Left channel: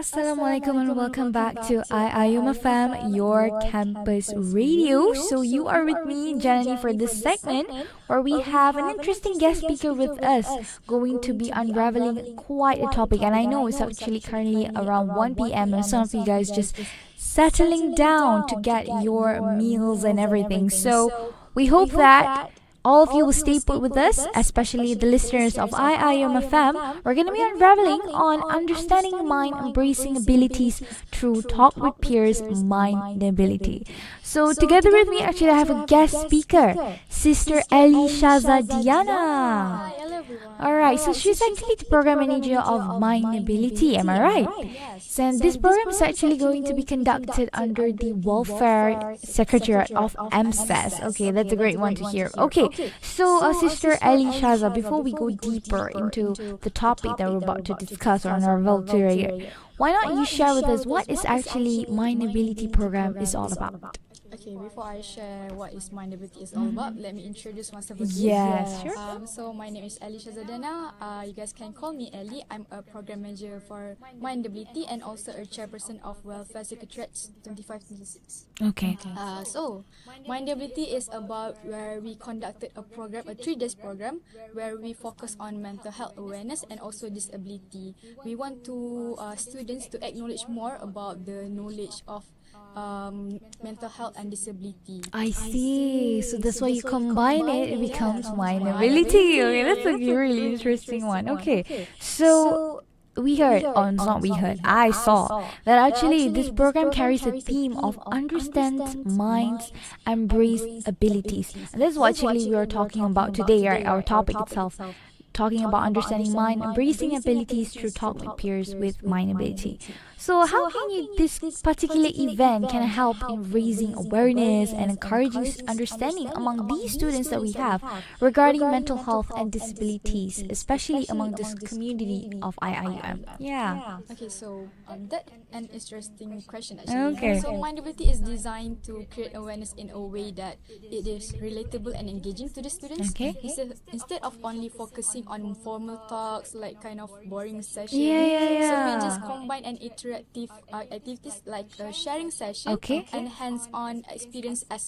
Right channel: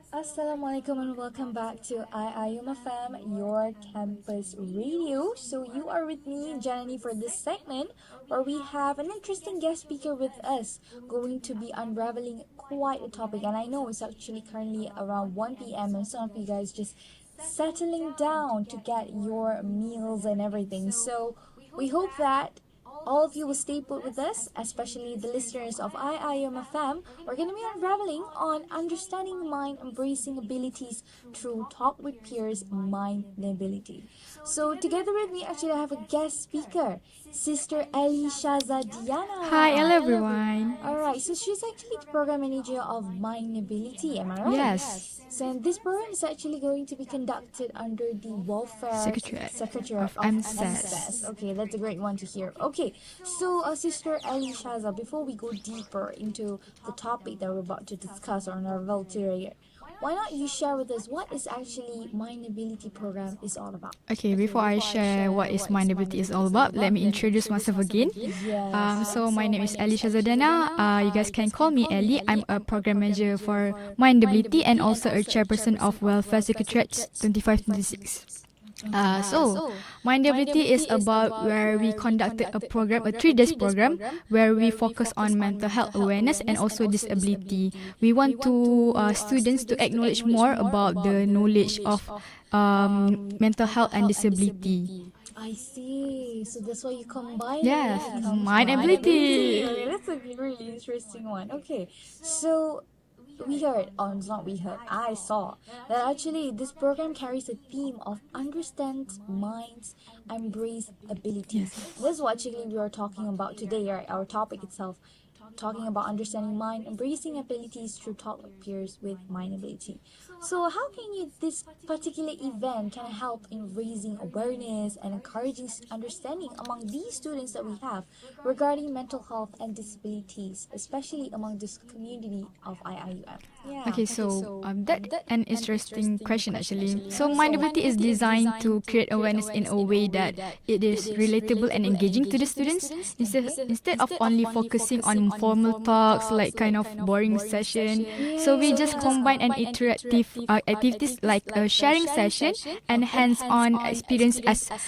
Assalamualaikum and welcome back to IIUM FM, your campus radio. So you are with me, Jenny, for this segment where we have an interesting guest speaker with us, going to be unraveling quite a topic. And I know it's actually currently around 1 p.m. and some of you guys just settling down to get your meals and everything. So we hope that all of you will stay put with us, especially the listeners of IIUM FM. We're going to be unraveling on understanding mind, embracing abilities through talk with peers, MindAbility. So together with me, actually, I have a guest speaker, Sister Allyshaza Dyana. Hi, hello everyone. Alright, so she's actually the Program Manager of MindAbility, am I right? Yes. And this program is actually going to be conducted under the Welfare Secretariat of EMSS. Okay, that's a great one to hear. Okay, so Sister Allyshaza, before we go deeper into the topic that we're about to discuss on our Welfare, why not you share with us what is actually MindAbility program is all about? Okay, before I share what is MindAbility is all about, let me introduce myself again. Yes. So my name is Allyshaza Dyana. You guys can call me Ellie. I'm a program manager for MindAbility and also a chairperson of Welfare Secretariat 2526. Okay. So MindAbility is about where we conducted a program, a 3 days program, where we focus on mental health awareness and also disability. We want to students to acknowledge more about the knowledge of mental health and disability. I see. So that's why you combine it. Yeah. It becomes MindAbility. Okay, that's a really interesting one. Okay. So we heard, I saw that actually this program carries a theme of understand minds, embrace abilities. This is what actually we are talking about today, right? Our topic itself. Talking about understanding mind, embracing abilities through talk with peers with MindAbility. So how can this particular event can help in raising awareness and encouraging understanding among these students that we have regarding mental health and disabilities, especially among this community of IIUM? Yeah. Okay, so that's an interesting question actually. Okay. So MindAbility is designed to create awareness in a way that it is relatable and engaging to the students. Instead of only focusing on formal talks like kind of boring session. So we just combine an interactive activities like a sharing session and hands-on experience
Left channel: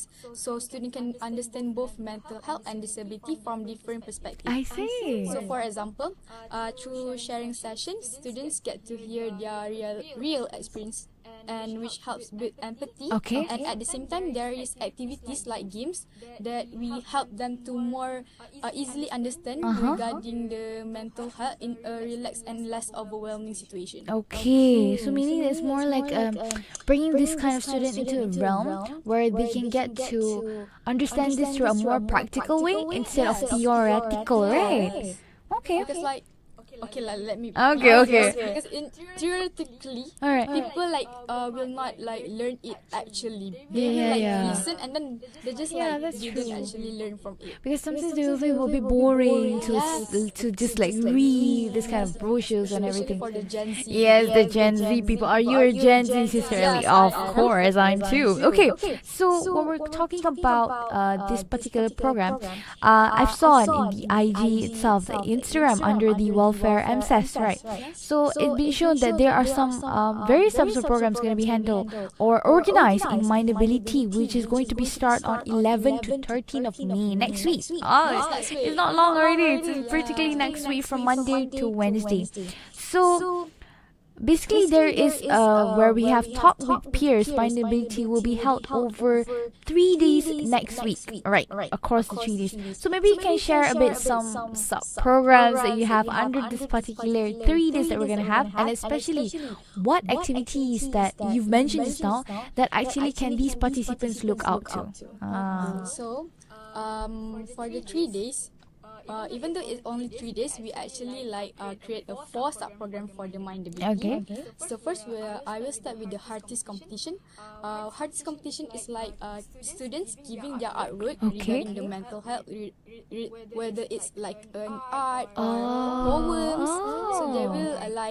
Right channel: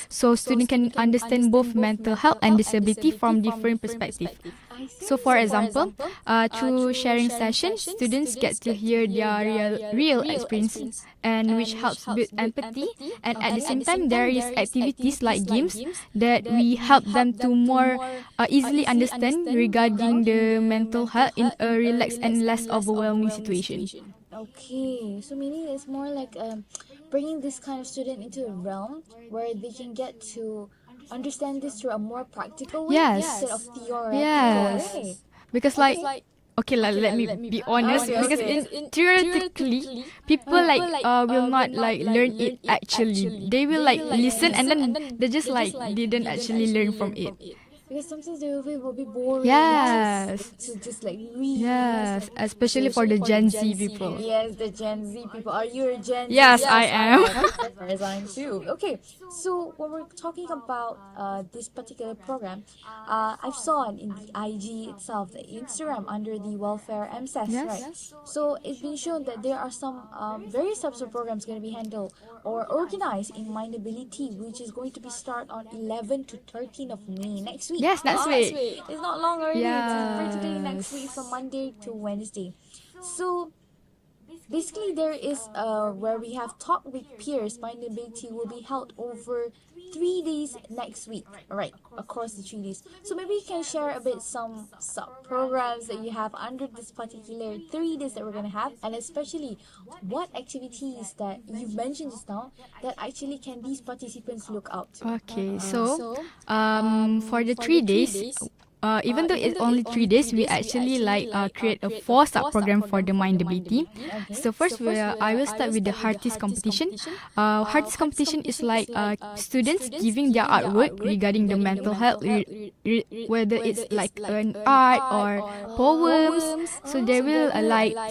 so students can understand both mental health and disability from different perspectives. I see. So for example, through sharing sessions, students get to hear their real experiences and which helps build empathy. And at the same time, there is activities like games that we help them to more easily understand regarding the mental health in a relaxed and less overwhelming situation. Okay, so meaning it's more like bringing this kind of student into a realm where they can get to understand this through a more practical way Yes. instead of theoretical way. Because like okay, let me be honest. Because theoretically, people will not learn it actually. They will listen and then they just didn't actually learn from it. Because sometimes they will be a bit boring. To just read this kind of bullshit. Especially for the Gen Z people. Yes, the Gen Z people. Are you a Gen Z? Yes, I am. Of course, I'm too. Okay, so when we're talking about this particular program, I saw it in the IG itself, the Instagram under the Welfare MSS, right? So it being shown that there are some various types of programs going to be handled or organized in MindAbility, which is going to be start on 11 to 13 of May next week. Yes, that's right. It's not long already. It's practically next week from Monday to Wednesday. So basically, there is where we have talk with peers. MindAbility will be held over 3 days next week. Right, across the 3 days. So maybe you can share a bit some programs that you have under this particular 3 days that we're gonna have, and especially what activities that you've mentioned just now that actually can these participants look out to. Okay, so for the 3 days. Even though it's only 3 days, we actually create a 4 sub-program for the MindAbility. So first, I will start with the Hearties competition. Hearties competition is students giving their artwork regarding the mental health, whether it's an art or poems. So they will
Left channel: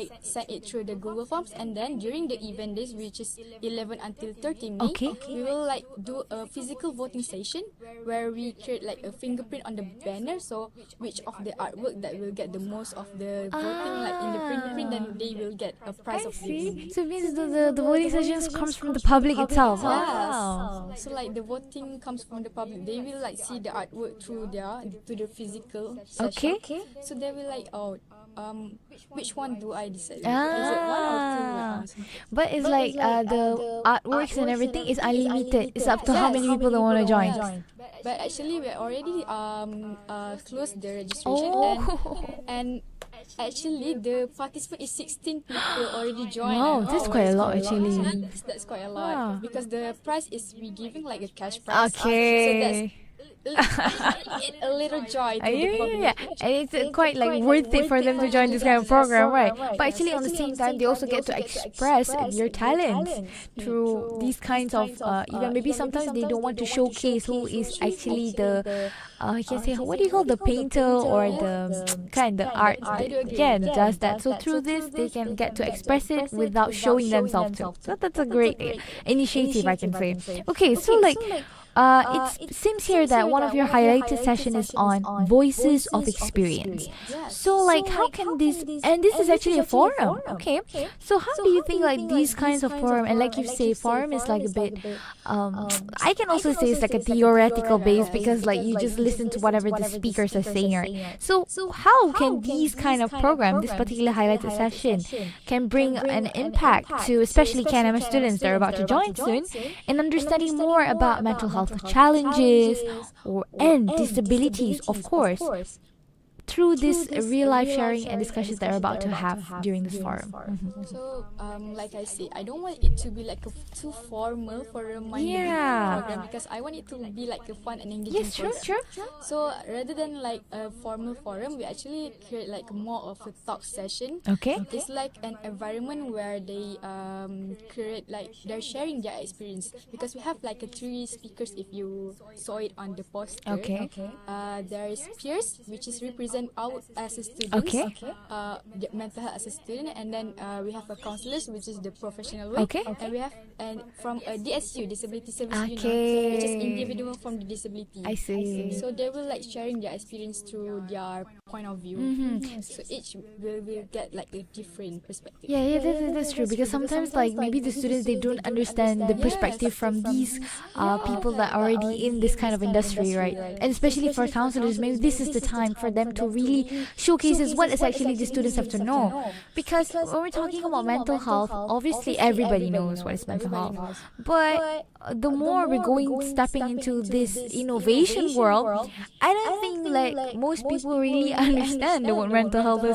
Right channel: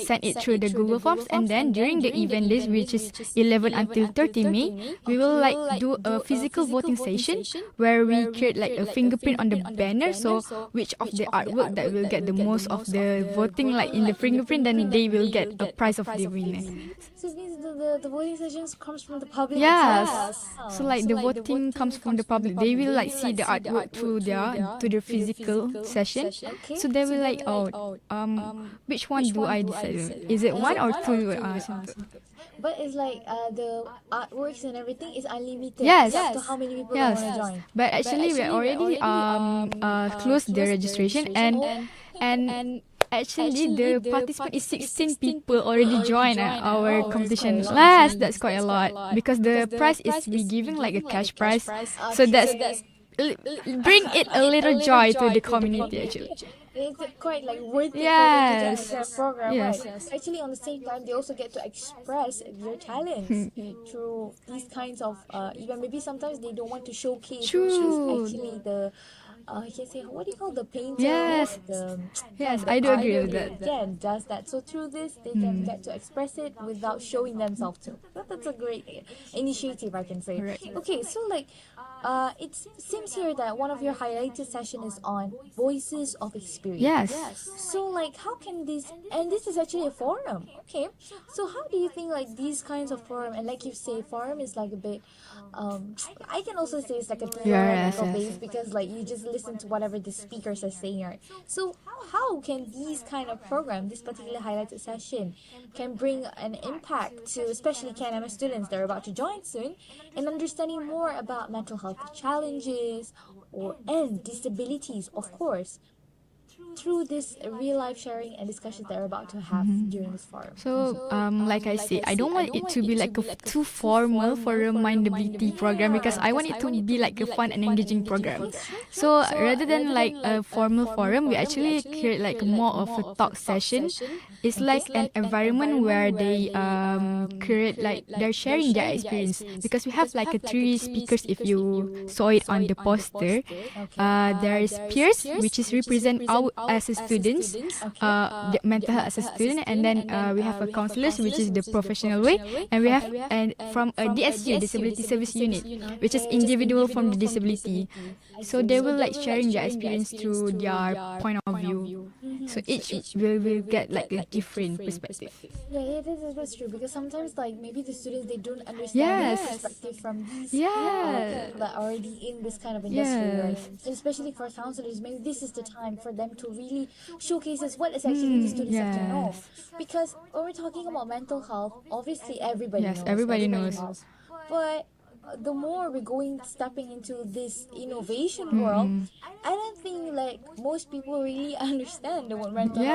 send it through the Google Forms, and then during the event days, which is 11 until 30 May, we will do a physical voting session where we create a fingerprint on the banner. So which of the artwork that will get the most of the voting, like in the fingerprint, then they will get a prize of the winner. So it means the voting sessions comes from the public itself. Yes. Wow. So like the voting comes from the public. They will like see the artwork through their physical session. Okay. So they will like, which one do I decide? Is it one or two? But it's like the artworks and everything is unlimited. It's Yes, up to how yes. many people that want to join. But actually, we already closed the registration, and actually the participant is 16 people already joined. Oh, that's quite a lot. Yes, that's quite a lot because the prize is be giving like a cash prize. Okay. So that's bring it a little joy to the community. Yeah, and it's quite like worth it for them to join this kind of program, right? Yes. But actually, on the same time, they also get to express your talents through these kinds of even maybe sometimes they don't want to showcase who is actually the I can say, what do you call the painter or the kind of art? Yeah, does that. So through this, they can get to express it without showing themselves. So that's a great initiative, I can say. Okay, so like it seems here that one of your highlighted sessions is on voices of experience. Yes. So like how can this, and this is actually a forum. Okay. So how do you think like these kinds of forum, and like you say, forum is like a bit I can also say it's like a theoretical base because like you just listen to whatever the speakers are saying. Right? So how can these kind of program, this particular highlighted session, can bring an impact to especially KNM students that are about to join soon in understanding more about mental health challenges and disabilities, of course, through this real life sharing and discussions that are about to have during this forum. So, like I said, I don't want it to be like a too formal for a MindAbility program because I want it to be like a fun and engaging program. So, rather than like a formal forum, we actually create like more of a talk session. Okay. It's like an environment where they create like they're sharing their experience because we have like a 3 speakers if you saw it on the poster. There is peers, which is represent our as a student, the mental health as a student, and then we have a counselors, which is the professional way, and we have and from a DSU, Disability Service Unit, which is individual from the disability. I see. So they will like sharing their experience through their point of view. So each will get like a different perspective. Yeah, that's true because sometimes like maybe the students they don't understand the perspective from these people that are already in this kind of industry, right? And especially for counselors, maybe this is the time for them to really showcases what is actually the students have to know. Because when we're talking about mental health, obviously everybody knows. Everybody knows. But the more we're stepping into this innovation world, I don't think like most people really understand what mental health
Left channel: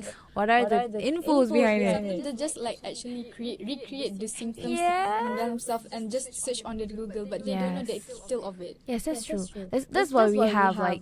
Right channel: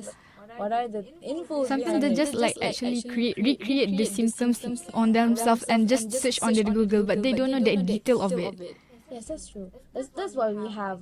is. What are the infos behind it? So they just like actually recreate the symptoms on themselves and just search on the Google, but they don't know the detail of it. Yes, that's true. That's why we have like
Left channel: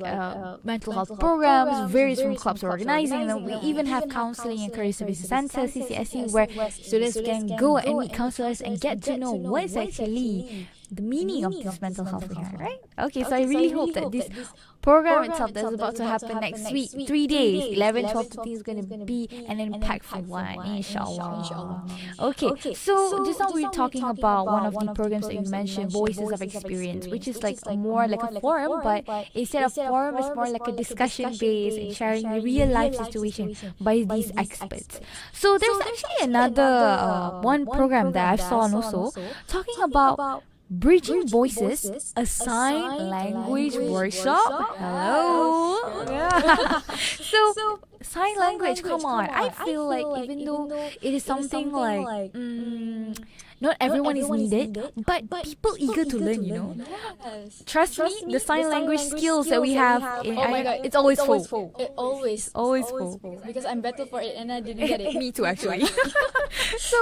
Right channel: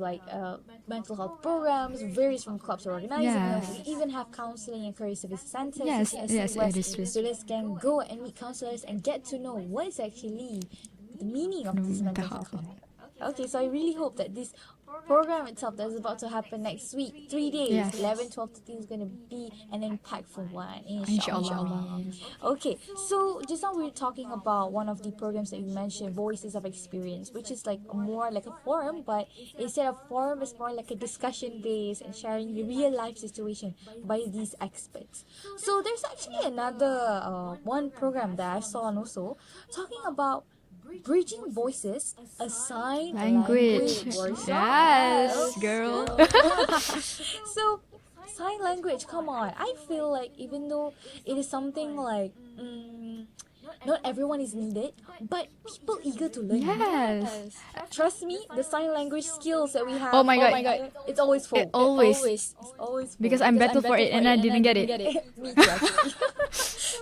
mental health programs, various clubs organizing. We even have counseling and career services and sessions where the students can go and meet counselors and get to know what is actually the meaning of this mental health, right? Okay, so I really hope that this program itself that's about to happen next week, 3 days, 11, 12 to is going to be an impactful one, inshallah. Okay, so just now we were talking about one of the programs that you mentioned, Voices of Experience, which is like more like a forum, but instead of forum, it's more like a discussion based, sharing a real life situation by these experts. So there's actually another one program that I saw also talking about Bridging Voices, a sign language workshop. Yes, girl. So sign language, come on. I feel like even though it is something like not everyone is needed, but people eager to learn, you know? Yes. Trust me, the sign language skills that we have, oh my god, it's always full. Always full. Because I'm better for it and I didn't get it. Me too, actually. So,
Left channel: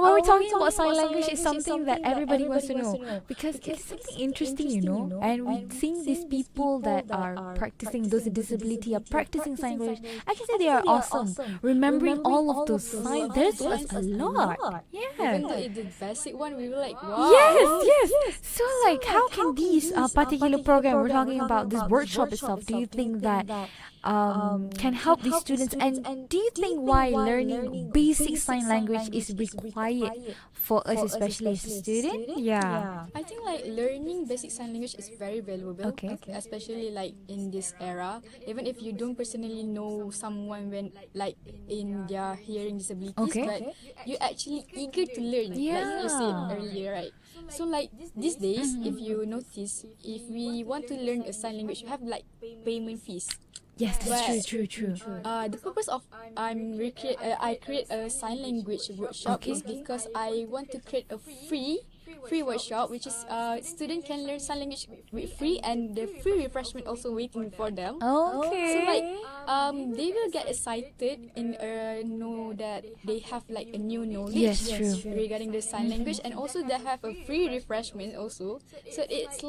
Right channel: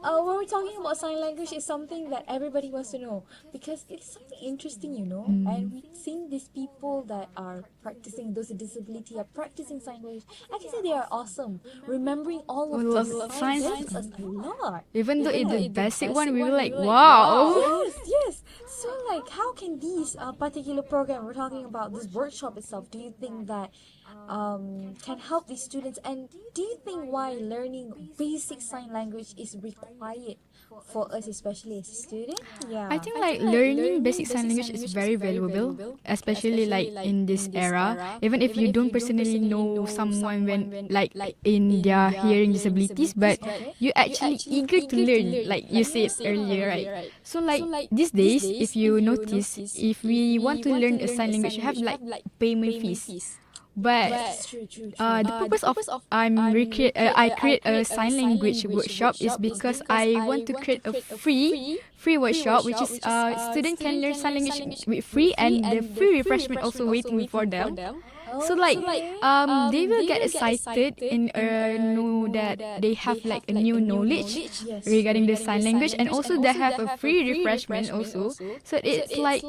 when we're talking about sign language, it's something that everybody wants to know. Because it's something interesting, you know? And seeing these people that are practicing those disability, are practicing sign language, I can say they are awesome. Remembering all of those signs is a lot. Even the basic one, we were like, wow. Yes. So, like, how can these particular program we're talking about, this workshop itself, do you think that can help these students? And do you think why learning basic sign language is required for us, especially as a student? Yeah. I think like learning basic sign language is very valuable, especially like in this era. Even if you don't personally know someone when like in their hearing disabilities, but you actually eager to learn, like you said earlier, right? So like these days, if you notice, if we want to learn a sign language, you have like payment fees. Yes, But that's true. the purpose of I create a sign language workshop is because I want to create a free workshop, which is student can learn sign language with free, and the free refreshment also waiting for them. Oh, So like they will get excited and know that they have like a new knowledge regarding the sign language, and also they have a free refreshment also. So it's like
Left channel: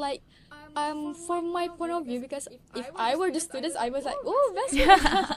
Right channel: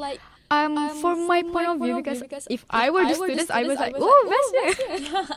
for my point of view, because if I were the students, I was like, oh, that's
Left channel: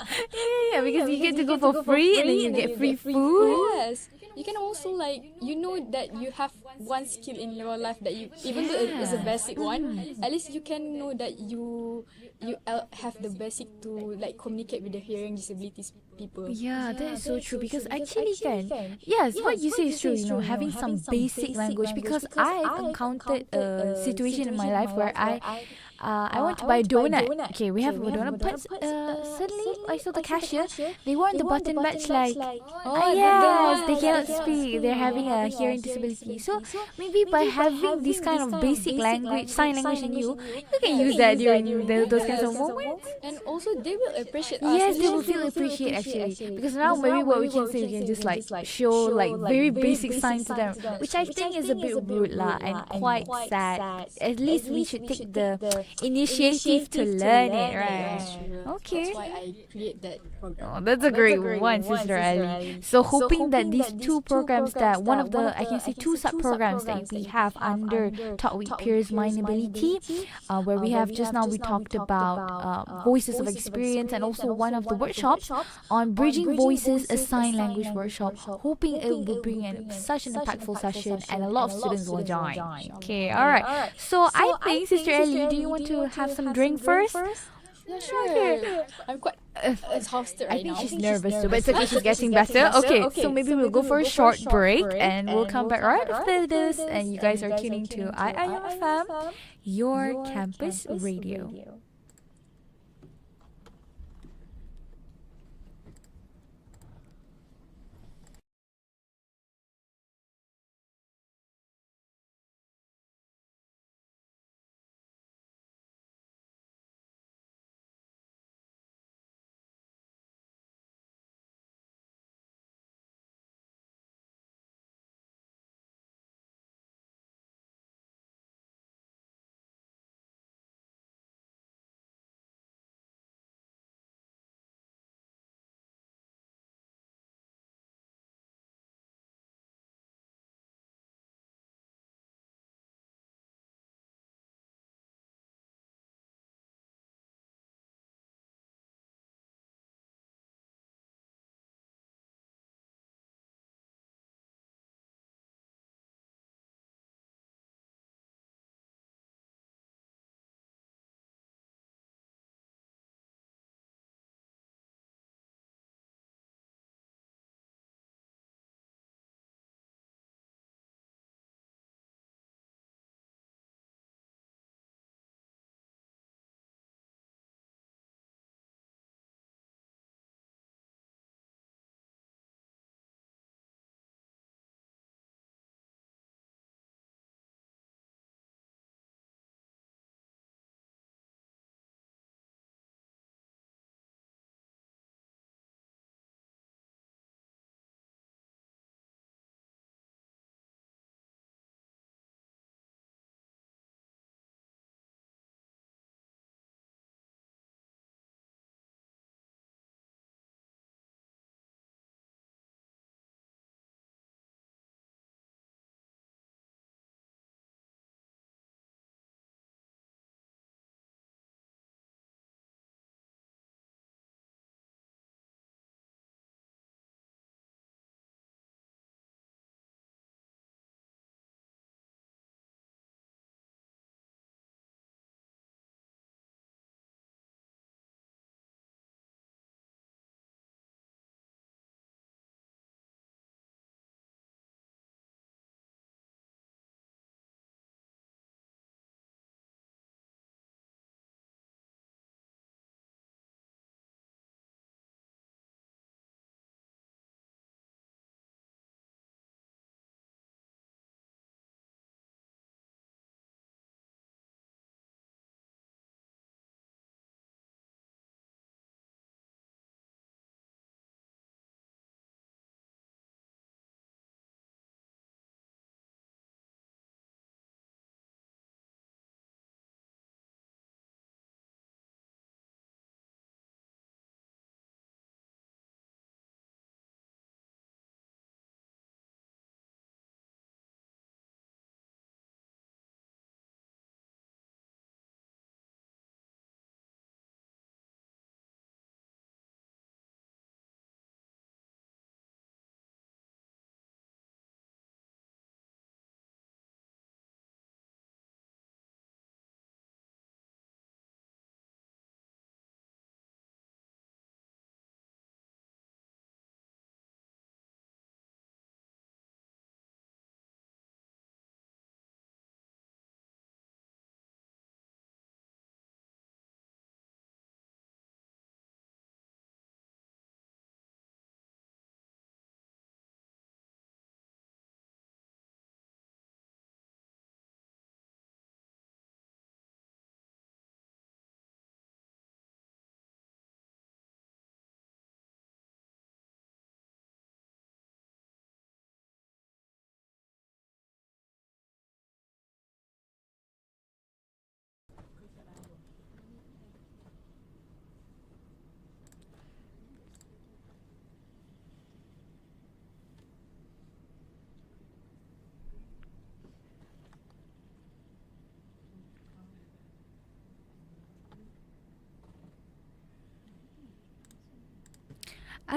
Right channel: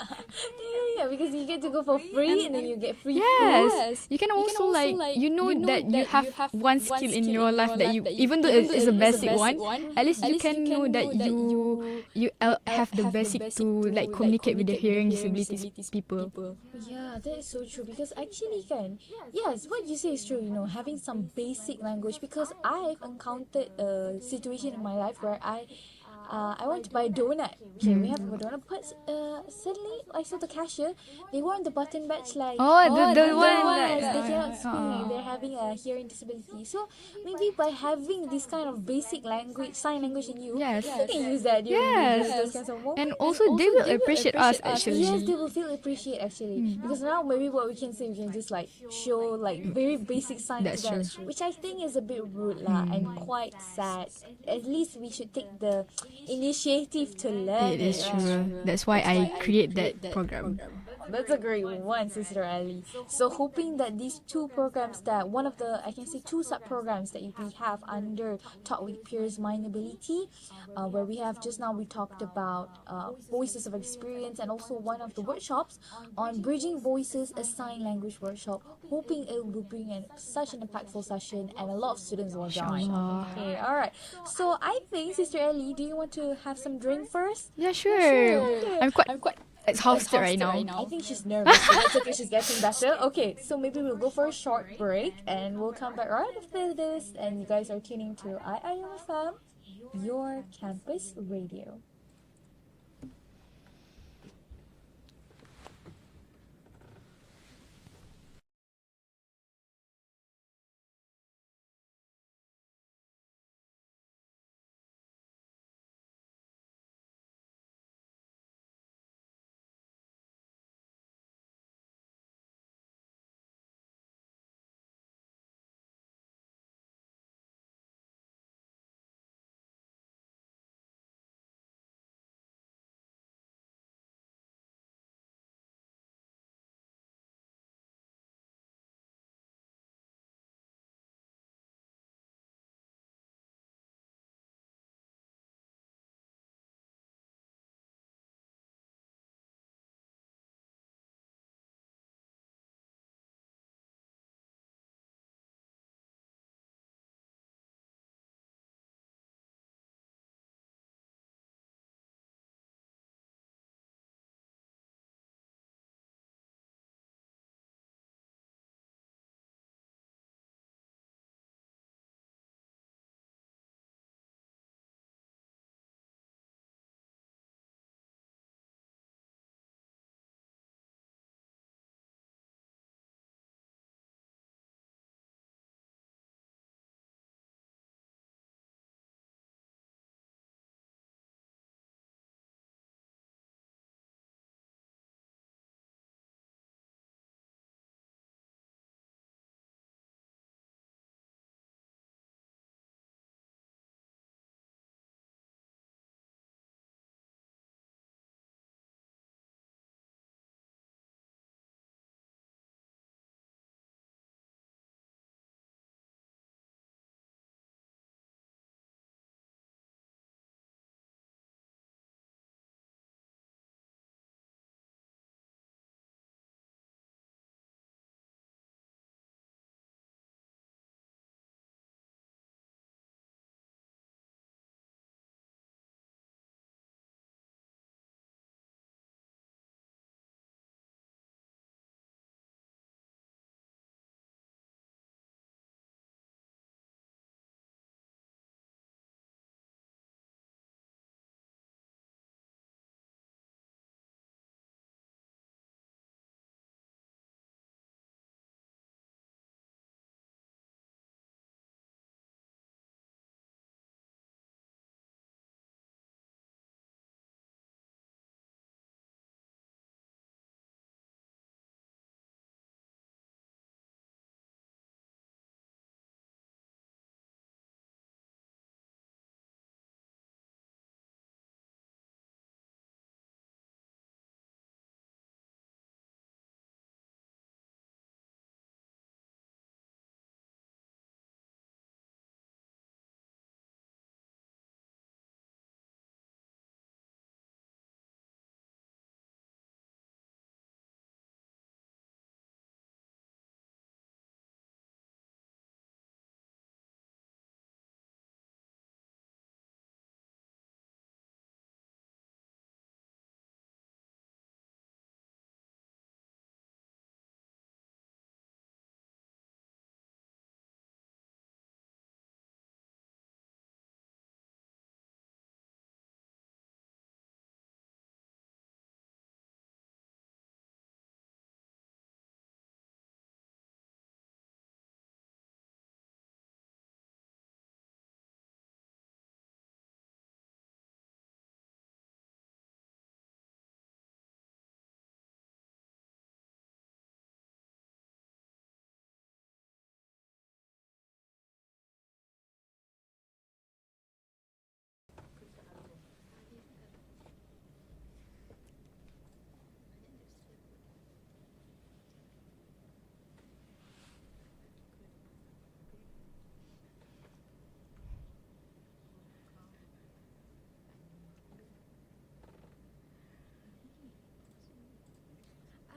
yeah, because you get to go for free and then you get free food. yes. You can also like you know that you have one skill in your life that you, even though it is a basic one, at least you can know that you have the basic to like communicate with the hearing disabilities people. Yeah, that is so true, because actually can, yes, what you say is true, having some basic language, because I encountered a situation in my life where I want to buy a donut. Okay, we have a donut, but suddenly I saw the cashier. They want the button match like, Oh, they cannot speak. They're having a hearing disability. So maybe by having this kind of basic language, sign language in you, you can use that during those kinds of moments. And also they will appreciate us. Yes, they will appreciate actually. Because now maybe what we can say, we can just like show like very basic signs to them, which I think is a bit rude lah and quite sad. At least we should take the initiative to learn it, right? That's why I create that program. Oh, that's a great one, Sister Ali. So hoping that these two programs, that one of the, I can say two sub-programs that we have under Talk with Peers MindAbility, where we have just now we talked about Voices of Experience, and also one of the workshops on Bridging Voices, a sign language workshop, hoping it will bring in such an impactful session and a lot of students will join. Okay, alright. So I think, Sister Ali, do you want to have some drink first? Yeah, sure. I'm quite exhausted right now. I think she's nervous. She's getting better. Okay, so maybe we'll go for a short break and we'll come back right after this. And you guys are tuning to IIUM, your campus radio.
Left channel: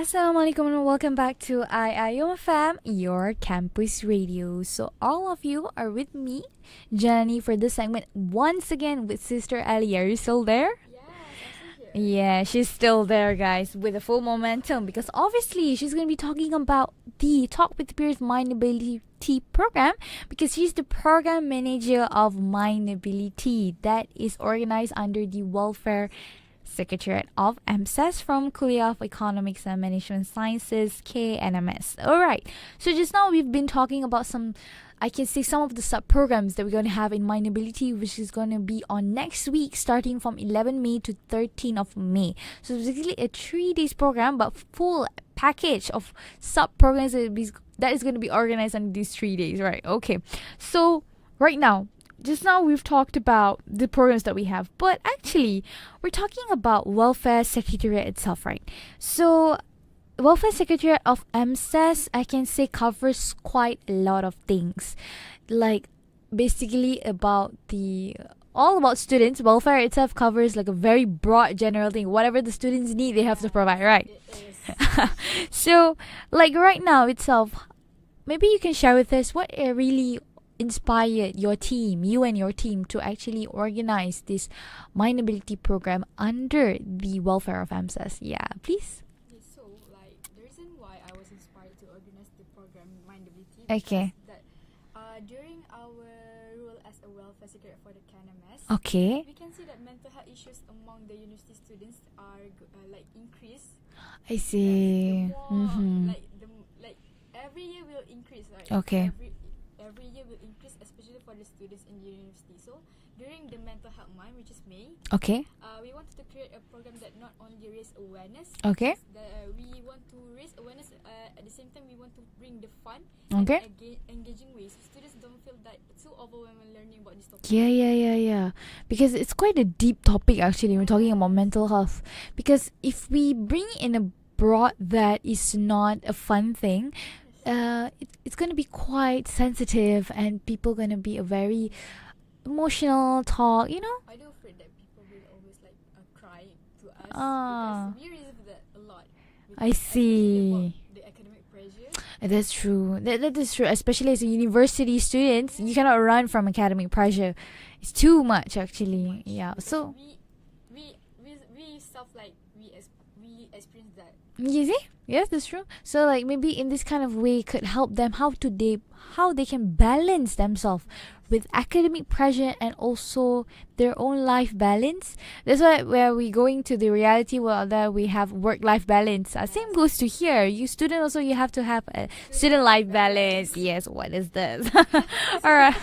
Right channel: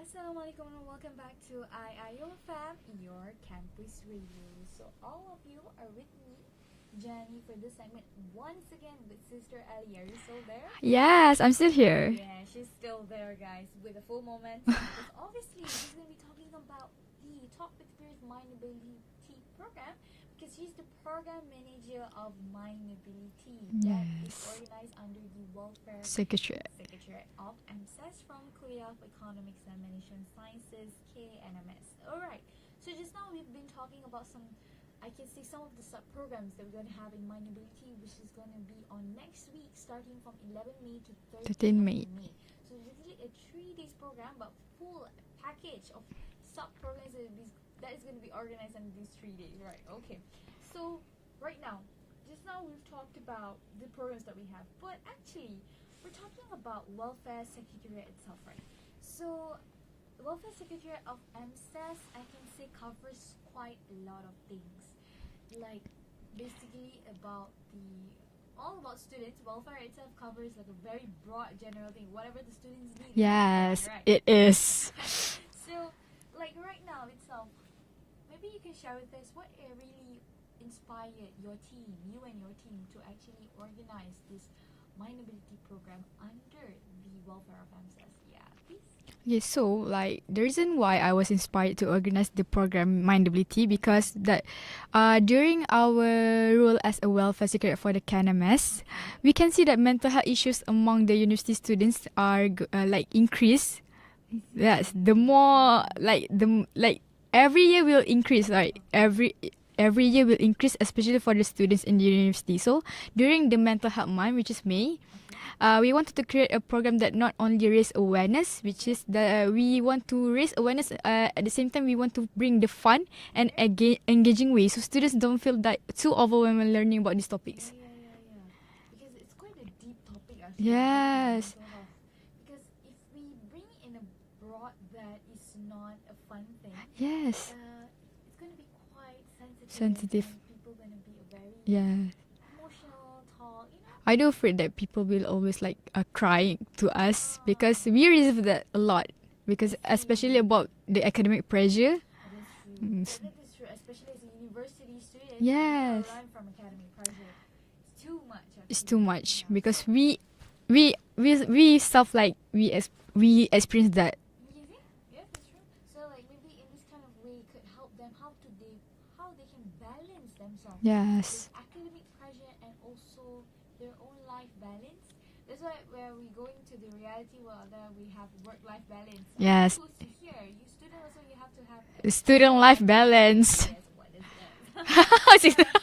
Assalamualaikum and welcome back to IIUM FM, your campus radio. So all of you are with me, Jenny, for this segment once again with Sister Ali. Are you still there? Yes, I'm still here. Yeah, she's still there, guys, with a full momentum because obviously she's going to be talking about the Talk with Peers MindAbility program because she's the Program Manager of MindAbility that is organized under the Welfare Secretariat of EMSS from Kuliah of Economics and Management Sciences, KNMS. Alright, so just now we've been talking about some of the sub-programs that we're going to have in MindAbility, which is going to be on next week starting from 11 May to 13 of May. So it's basically a 3 days program but full package of sub-programs that is going to be organized on these 3 days, right? Okay, so just now we've talked about the programs that we have, but actually we're talking about Welfare Secretariat itself, right? So Welfare Secretariat of EMSS, I can say, covers quite a lot of things, like basically all about students. Welfare itself covers like a very broad general thing. Whatever the students need, they have to provide, right? It is. So like right now itself, maybe you can share with us what really inspired you and your team to actually organize this MindAbility program under the Welfare of EMSS. Yeah, please. Yes, so like the reason why I was inspired to organize the program MindAbility because that during our role as a welfare secretary for the KNMS, we can see that mental health issues among the university students are increase. I see. Yes, the more every year will increase, right? Every year will increase, especially for the students in the university. So during the mental health month, which is May, we wanted to create a program that not only raise awareness, which is we want to raise awareness. At the same time, we want to bring the fun and engaging way, so students don't feel that too overwhelmed when learning about these topics. Yeah. Because it's quite a deep topic actually when talking about mental health. Because if we bring in a broad that is not a fun thing, it's going to be quite sensitive and people going to be a very emotional talk, I do afraid that people will always crying to us because we receive that a lot, because especially about the academic pressure. That's true. That is true, especially as a university student. You cannot run from academic pressure. It's too much actually. It's too much because we stuff like we experience that. You see? Yes, that's true. So like maybe in this kind of way could help them how they can balance themselves with academic pressure and also their own life balance. That's why where we going to the reality world that we have work-life balance. I think goes to here. You student also, you have to have a student life balance. Yes, what is this? Alright.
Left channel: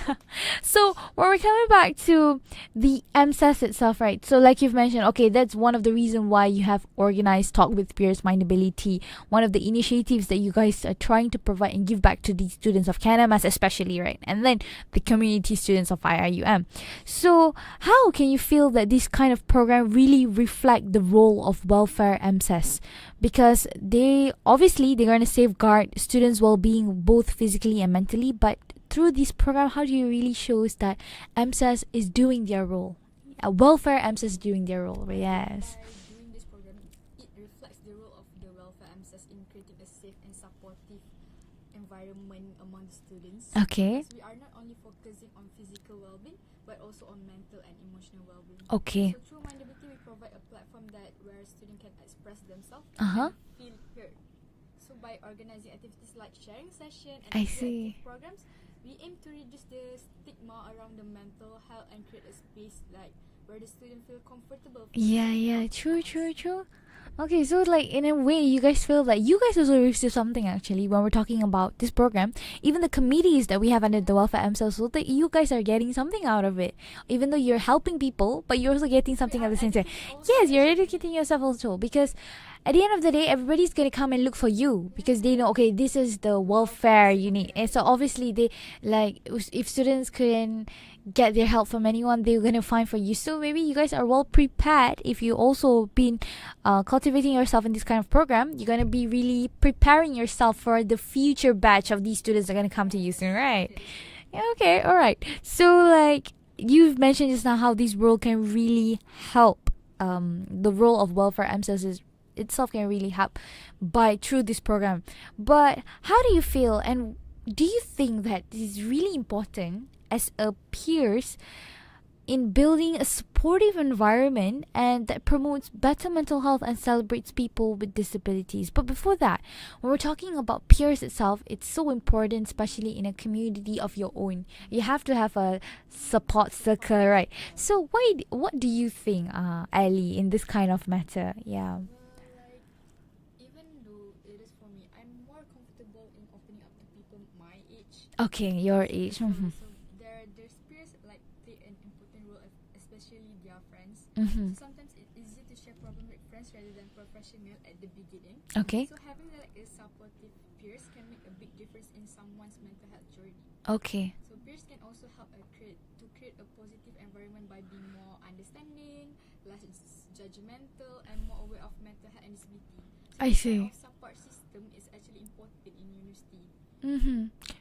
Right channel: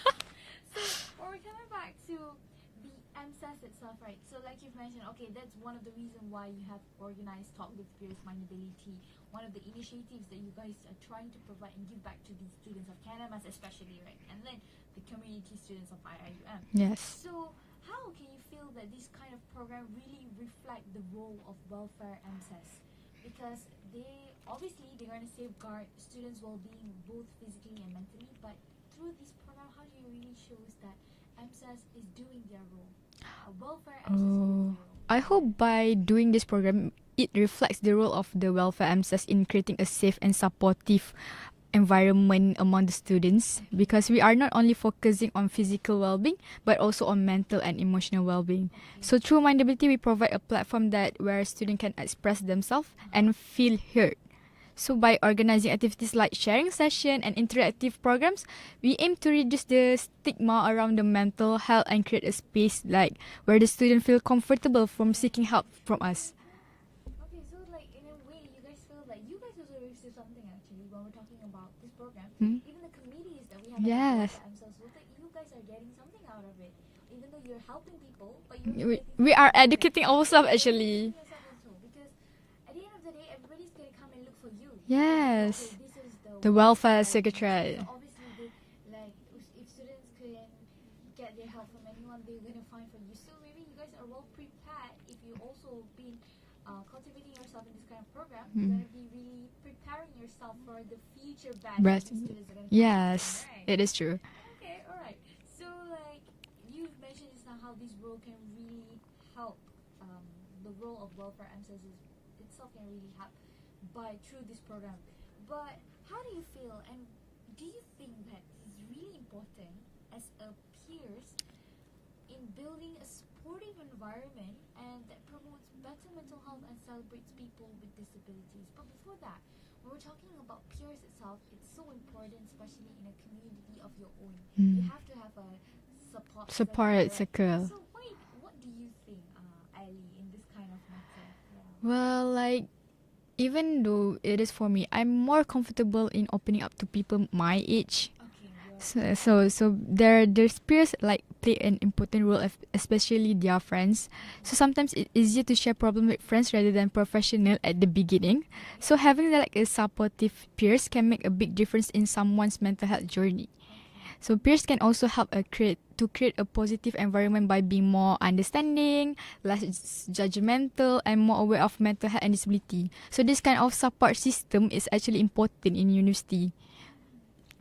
So when we're coming back to the MSAS itself, right? So like you've mentioned, that's one of the reasons why you have organized Talk with Peers MindAbility, one of the initiatives that you guys are trying to provide and give back to the students of KNMS especially, right? And then the community students of IIUM. So how can you feel that this kind of program really reflect the role of Welfare EMSS? Because they're going to safeguard students' well-being both physically and mentally, but through this program, how do you really show that EMSS is doing their role? Welfare EMSS is doing their role. I hope by doing this program, it reflects the role of the Welfare EMSS in creating a safe and supportive environment among the students, because we are not only focusing on physical well-being but also on mental and emotional well-being. So through MindAbility, we provide a platform where students can express themselves and feel heard. So by organizing activities like sharing session and interactive programs, we aim to reduce the stigma around the mental health and create a space where the student feel comfortable from seeking help from us. True. Okay, so in a way, you guys feel that you guys also receive something actually when we're talking about this program. Even the committees that we have under the Welfare EMSS, so that you guys are getting something out of it. Even though you're helping people, but you're also getting something. We are educating ourselves. Yes, you're educating yourself also, because at the end of the day, everybody's gonna come and look for you because they know, this is the welfare unit, and so obviously they if students couldn't get their help from anyone, they're gonna find for you. So maybe you guys are well prepared if you also been cultivating yourself in this kind of program. You're gonna be really preparing yourself for the future batch of these students that are gonna come to you soon, right? It is true. Okay, all right. So you've mentioned just now how this role can really help. The role of Welfare EMSS is itself can really help by through this program. But how do you feel, and do you think that it is really important as a peers in building a supportive environment and that promotes better mental health and celebrates people with disabilities? But before that, when we're talking about peers itself, it's so important, especially in a community of your own. You have to have a support circle, right? So what do you think, Ali, in this kind of matter? Yeah. Well, like, even though it is for me, I'm more comfortable in opening up to people my age. Okay, your age. So there's peers like play an important role, especially their friends. So sometimes it's easier to share problem with friends rather than professional at the beginning. Okay. So having like a supportive peers can make a big difference in someone's mental health journey. Okay. So peers can also help create a positive environment by being more understanding, less judgmental, and more aware of mental health and disability. So this kind of support system is actually important in university.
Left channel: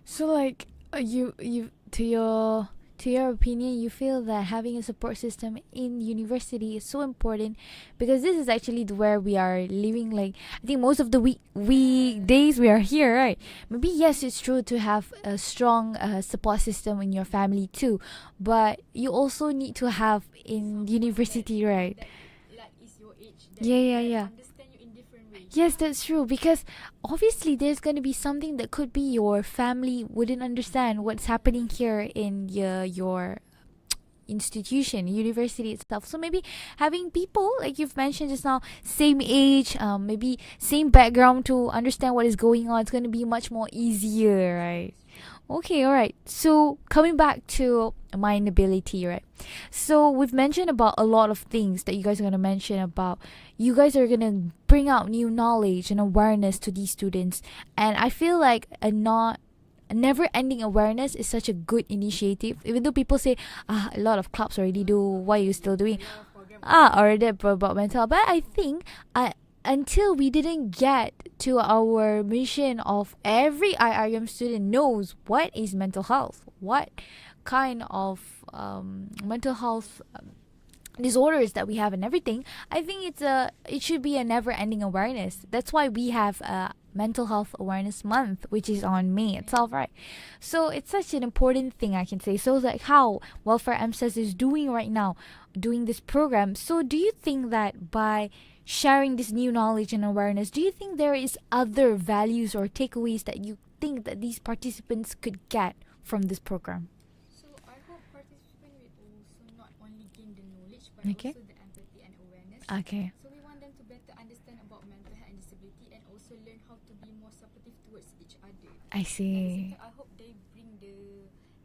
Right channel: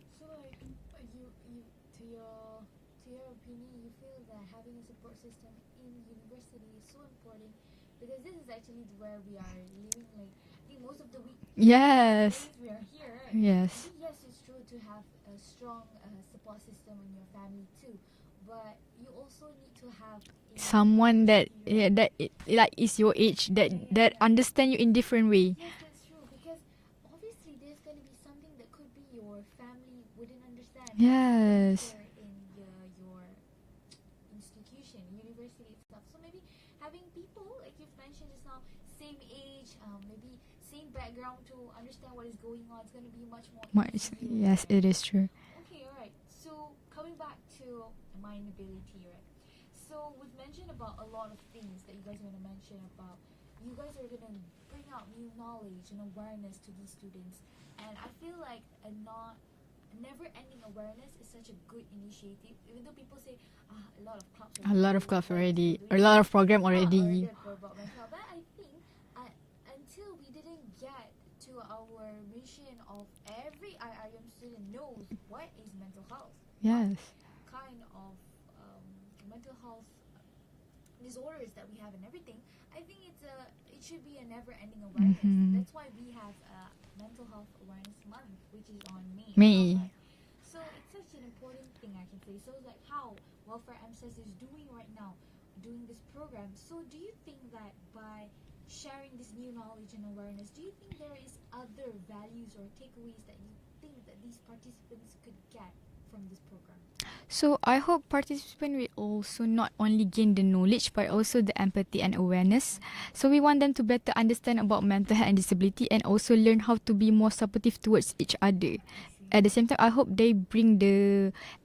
So like you to your opinion, you feel that having a support system in university is so important because this is actually where we are living. Like I think most of the days we are here, right? Yes. Maybe yes, it's true to have a strong support system in your family too, but you also need to have in someone university, right? that like is your age that understand you in different way. Yes, that's true, because obviously there's going to be something that could be your family wouldn't understand what's happening here in your institution, university itself. So maybe having people like you've mentioned just now, same age, maybe same background to understand what is going on, it's going to be much more easier. Yes, right? it is true. Okay, all right. So coming back to MindAbility, right? So we've mentioned about a lot of things that you guys are going to mention about. You guys are going to bring out new knowledge and awareness to these students, and I feel like a never-ending awareness is such a good initiative. Even though people say, a lot of clubs already do, why are you still doing? A lot of program already. About mental health. But I think until we didn't get to our mission of every IIUM student knows what is mental health, what kind of mental health disorders that we have and everything, I think it should be a never-ending awareness. That's why we have a Mental Health Awareness Month, which is on May itself, right? So it's such an important thing, I can say. So like how Welfare EMSS is doing right now, doing this program. So do you think that by sharing this new knowledge and awareness, do you think there is other values or takeaways that you think that these participants could get from this program? So I hope participants will also not only gain the knowledge but also the empathy and awareness. So we want them to better understand about mental health and disability and also learn how to be more supportive towards each other. I see. At the same time, I hope they bring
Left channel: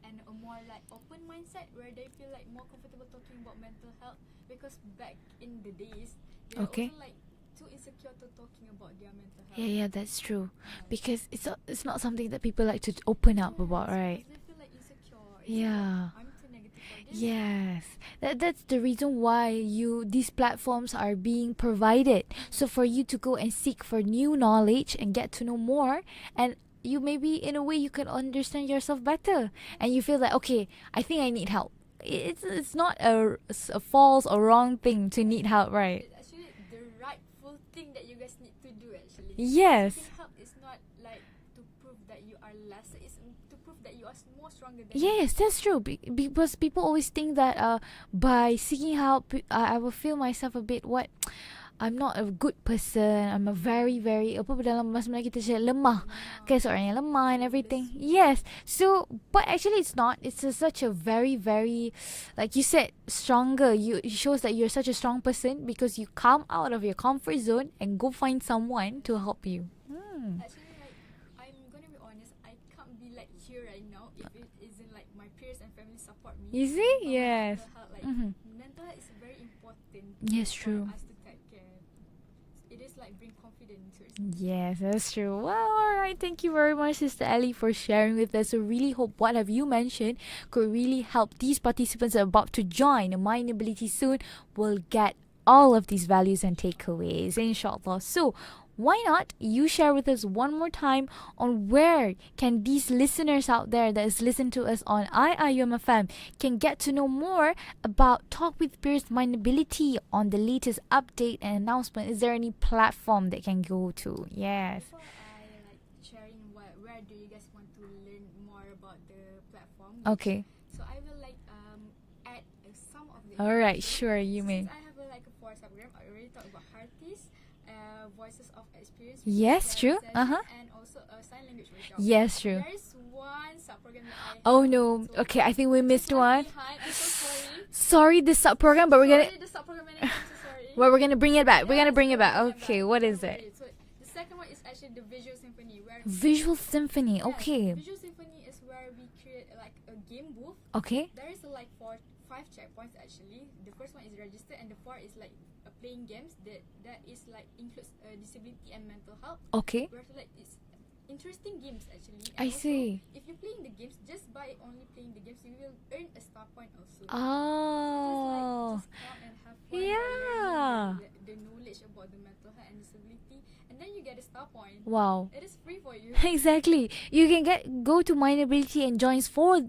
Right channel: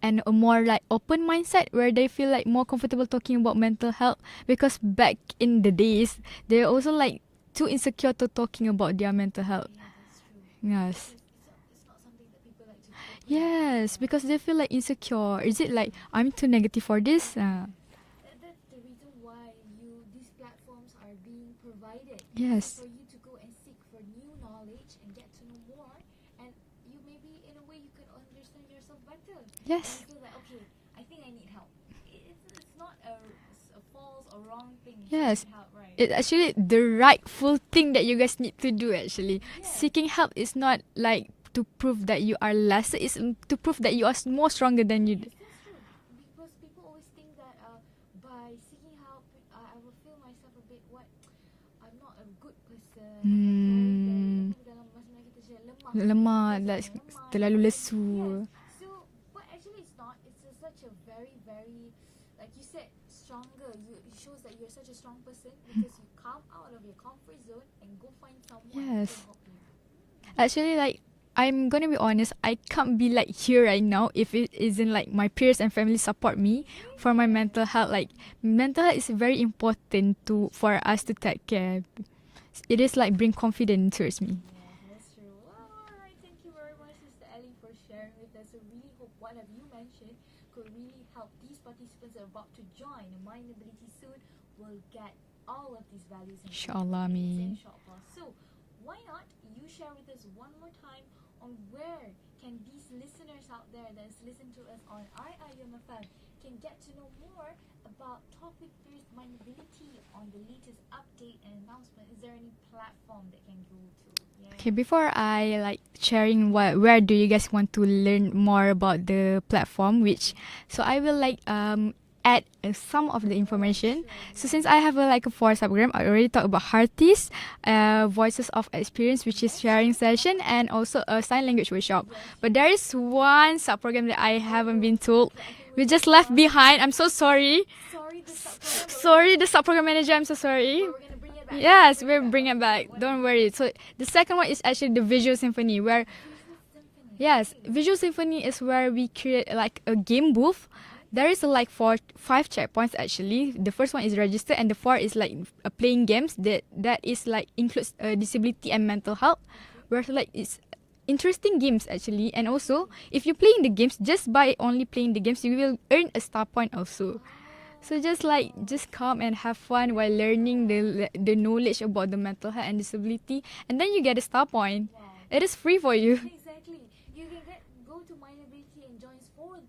a more like open mindset where they feel like more comfortable talking about mental health, because back in the days they're also like too insecure to talking about their mental health. Yeah, that's true. Yes. Because it's not something that people like to open up about, right? Because they feel like insecure. Is it like I'm too negative for this? Yes. That's the reason why these platforms are being provided. So for you to go and seek for new knowledge and get to know more, and you maybe in a way you can understand yourself better. And you feel like, okay, I think I need help. It's not a false or wrong thing to need help, right? It's actually the rightful thing that you guys need to do, actually. Yes. Seeking help is not like to prove that you are lesser, it's to prove that you are more stronger than you. Yes, that's true. Because people always think that by seeking help, I will feel myself a bit I'm not a good person. I'm a very dalam bahasa Melayu kita cakap lemah. Okay, seorang yang lemah and everything. Lesu. Yes. So, but actually it's not. It's such a very, very, like you said, stronger. It shows that you're such a strong person because you come out of your comfort zone and go find someone to help you. Actually, like, I'm gonna be honest, I can't be like here right now if it isn't like my peers and family support me for my mental health. Like mental health is very important for us to take care. It is like bring confidence towards me. Yes, that's true. Well, alright, thank you very much, Sister Ellie, for sharing with us. So really hope what have you mentioned could really help these participants that are about to join MindAbility soon will get all of these values and takeaways, inshallah. So why not you share with us one more time on where can these listeners out there that is listening to us on IIUM FM can get to know more about Talk with Peers Mindability on the latest update and announcement? Is there any platform they can go to? Yeah. Okay, before I sharing where do you guys want to learn more about the platform, so I will add some of the information. Alright, sure. So since I have a 4 subprogram, I already talked about Hearties, Voices of Experience, which is sharing session, and also a sign language workshop. Yes, but there is one subprogram that I haven't been told. Okay, I think we just left behind. I'm so sorry. Sorry, the subprogram. But the subprogram manager. I'm so sorry. Well, we're gonna bring it back. Yes, bring it back. What Don't worry. So the second one is actually the Visual Symphony, where Visual Symphony. Yes, Okay. Visual Symphony is where we create a game booth. Okay. There is 5 checkpoints actually. The first one is register, and the 4 is playing games that is includes disability and mental health. Okay. Where it's interesting games actually, and I also see. if you playing the games, just by only playing the games, you will earn a star point also. So just come and have fun while learning the knowledge about the mental health and disability, and then you get a star point. Wow. It is free for you. Exactly. You can go to MindAbility and join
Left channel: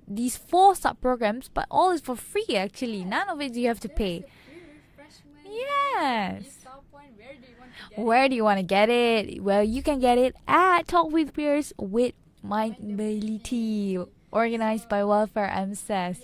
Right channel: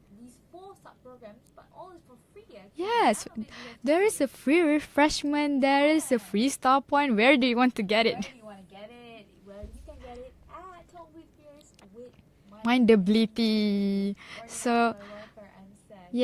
these 4 sub-programs, but all is for free actually. Yes. None of it you have to There pay. is a free refreshment. There is a free star point. Where do you want to get Where do you want to get it? Well, you can get it at Talk with Peers with MindAbility, organized by Welfare MSS.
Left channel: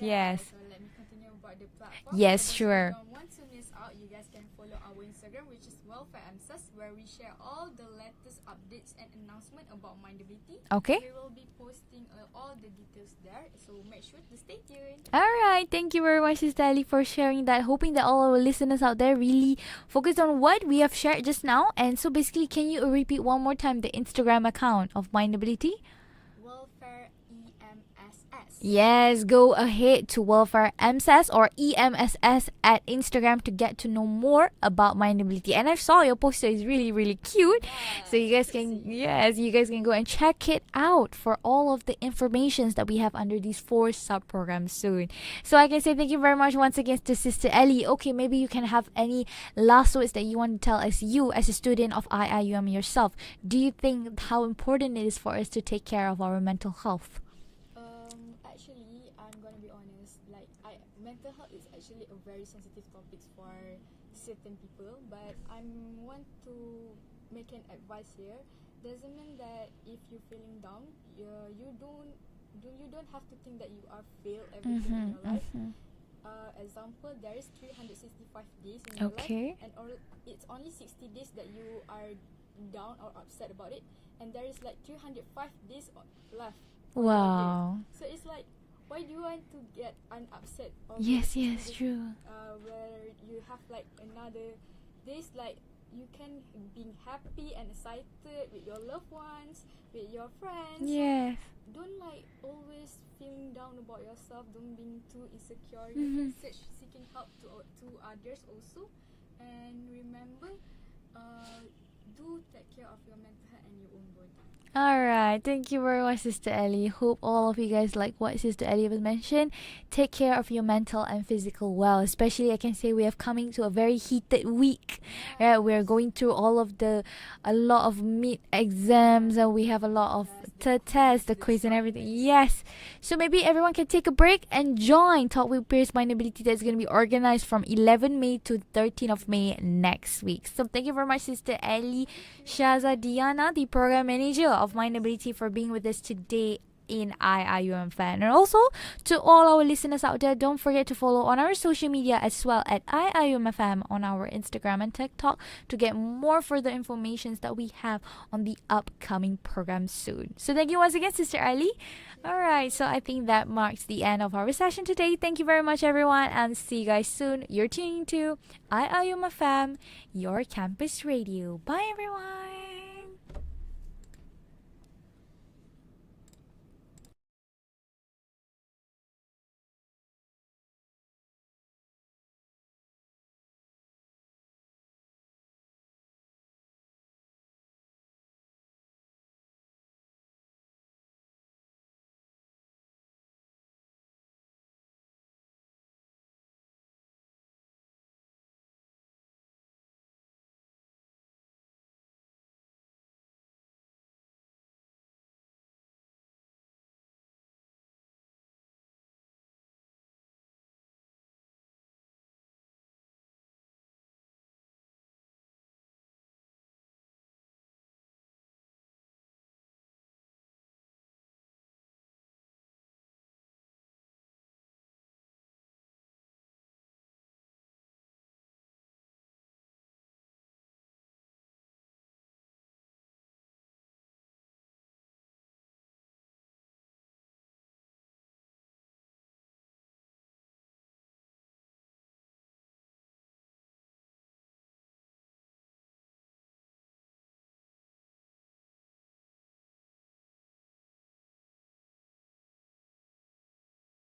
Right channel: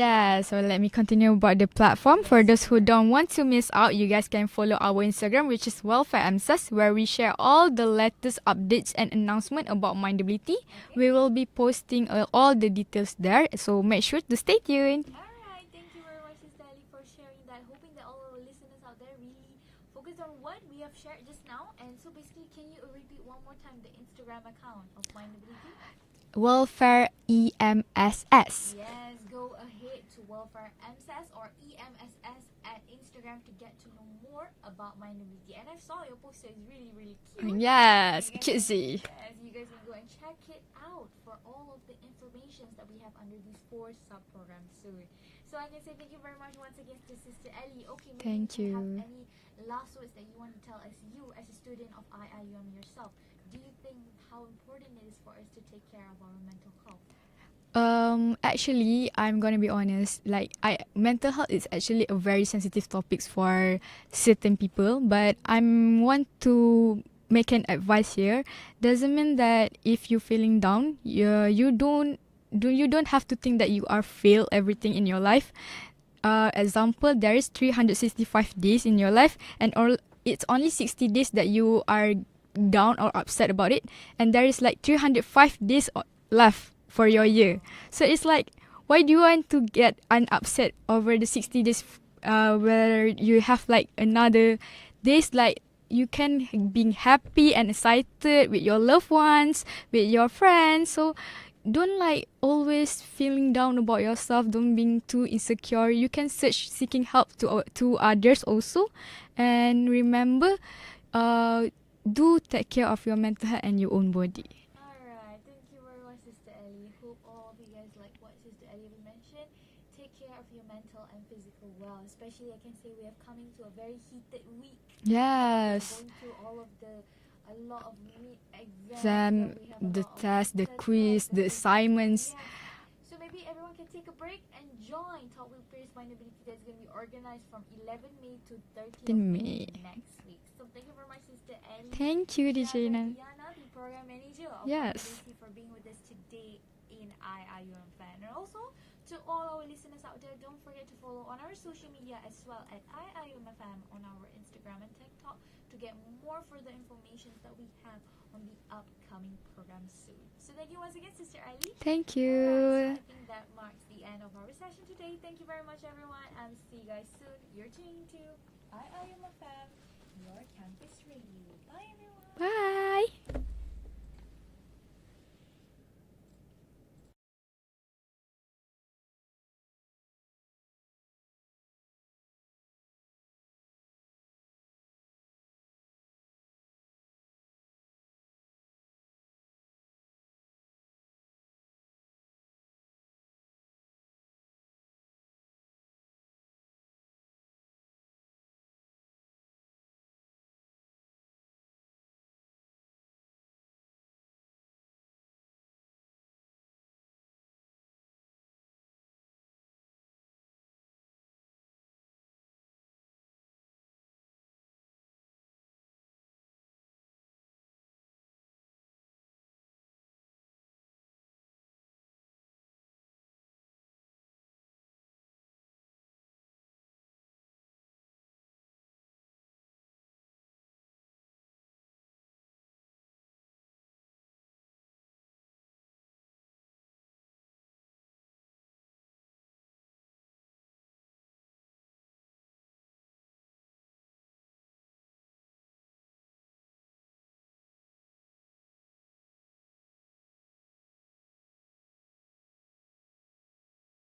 So let me continue about the platform. Yes, For those sure. who don't want to miss out, you guys can follow our Instagram, which is Welfare MSS, where we share all the latest updates and announcement about MindAbility. Okay. We will be posting all the details there, so make sure to stay tuned. Alright, thank you very much, Sister Ali, for sharing that. Hoping that all our listeners out there really focus on what we have shared just now. And so basically, can you repeat one more time the Instagram account of MindAbility? Welfare EMSS. Yes, go ahead to Welfare MSS or EMSS at Instagram to get to know more about MindAbility. And I saw your poster is really, really cute. Yes, So you guys cutesy. you guys can go and check it out for all of the informations that we have under these 4 sub-programs soon. So I can say thank you very much once again to Sister Ellie. Okay, maybe you can have any last words that you want to tell us, you as a student of IIUM yourself. Do you think how important it is for us to take care of our mental health? Actually, I'm gonna be honest. Mental health is actually a very sensitive topic for certain people. But I want to make an advice here. Doesn't mean that if you're feeling down, you don't have to think that you are fail everything in your life. Example, there is 365 days in your life, and it's only 60 days that you are down or upset about it, and there is 305 days left for your year. So it's why do you want to get upset over the 60 days where you have another days you can be happy and excited with your loved ones, with your friends. So don't always feeling down about yourself. Don't being too insecure. You can seeking help to others also, and remember, do take care of your mental health and your own body. Alright, thank you very much, Sister Ellie. Hope all of you guys like what Sister Ellie was mentioned. Take care of your mental and physical well. Especially, I can say we have coming to a very heated week. Yeah, We're going through a lot of mid exams, and we have a lot of tests, the quiz, the and everything. assignments. Yes. So maybe everyone can take a break and join Talk with Peers MindAbility that's going to be organized from 11 May to 13th of May next week. So thank you very much, Sister Ellie. Thank you, Shaza Dyana, the Program Manager of Yes. MindAbility, for being with us today in IIUM Fan. And also to all our listeners out there, don't forget to follow on our social media as well at IIUM FM on our Instagram and TikTok to get more further informations that we have on the upcoming program soon. So thank you once again, Sister Ali. Thank you. Alright, so I think that marks the end of our session today. Thank you very much, everyone, and see you guys soon. You're tuning to IIUM FM, your campus radio. Bye, everyone. Bye.